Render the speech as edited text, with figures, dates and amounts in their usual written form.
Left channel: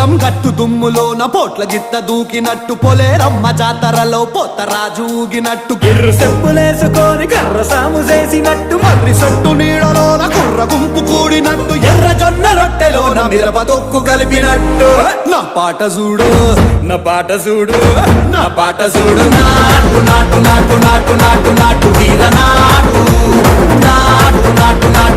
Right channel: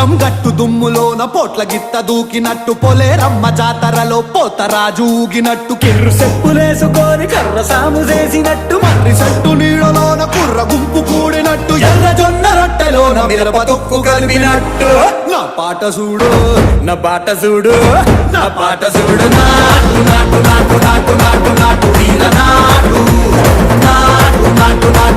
పొలం గట్టు దుమ్ములోన పోట్ల గిట్ట దూకినట్టు పొలేరమ్మ జాతరలో పోతరాజు ఊగినట్టు కిర్రు చెప్పులేసుకొని కర్ర సాము చేసినట్టు మర్రి సొట్టు నీడలోన కుర్ర గుంపు కూడినట్టు ఎర్ర జొన్న రొట్టెలోన మిరప తొక్కు కలిపినట్టు నా పాట చూడు నా పాట చూడు నా పాట చూడు నాటు నాటు నాటు నాటు నాటు నాటు తీర నాటు నాటు నాటు నాటు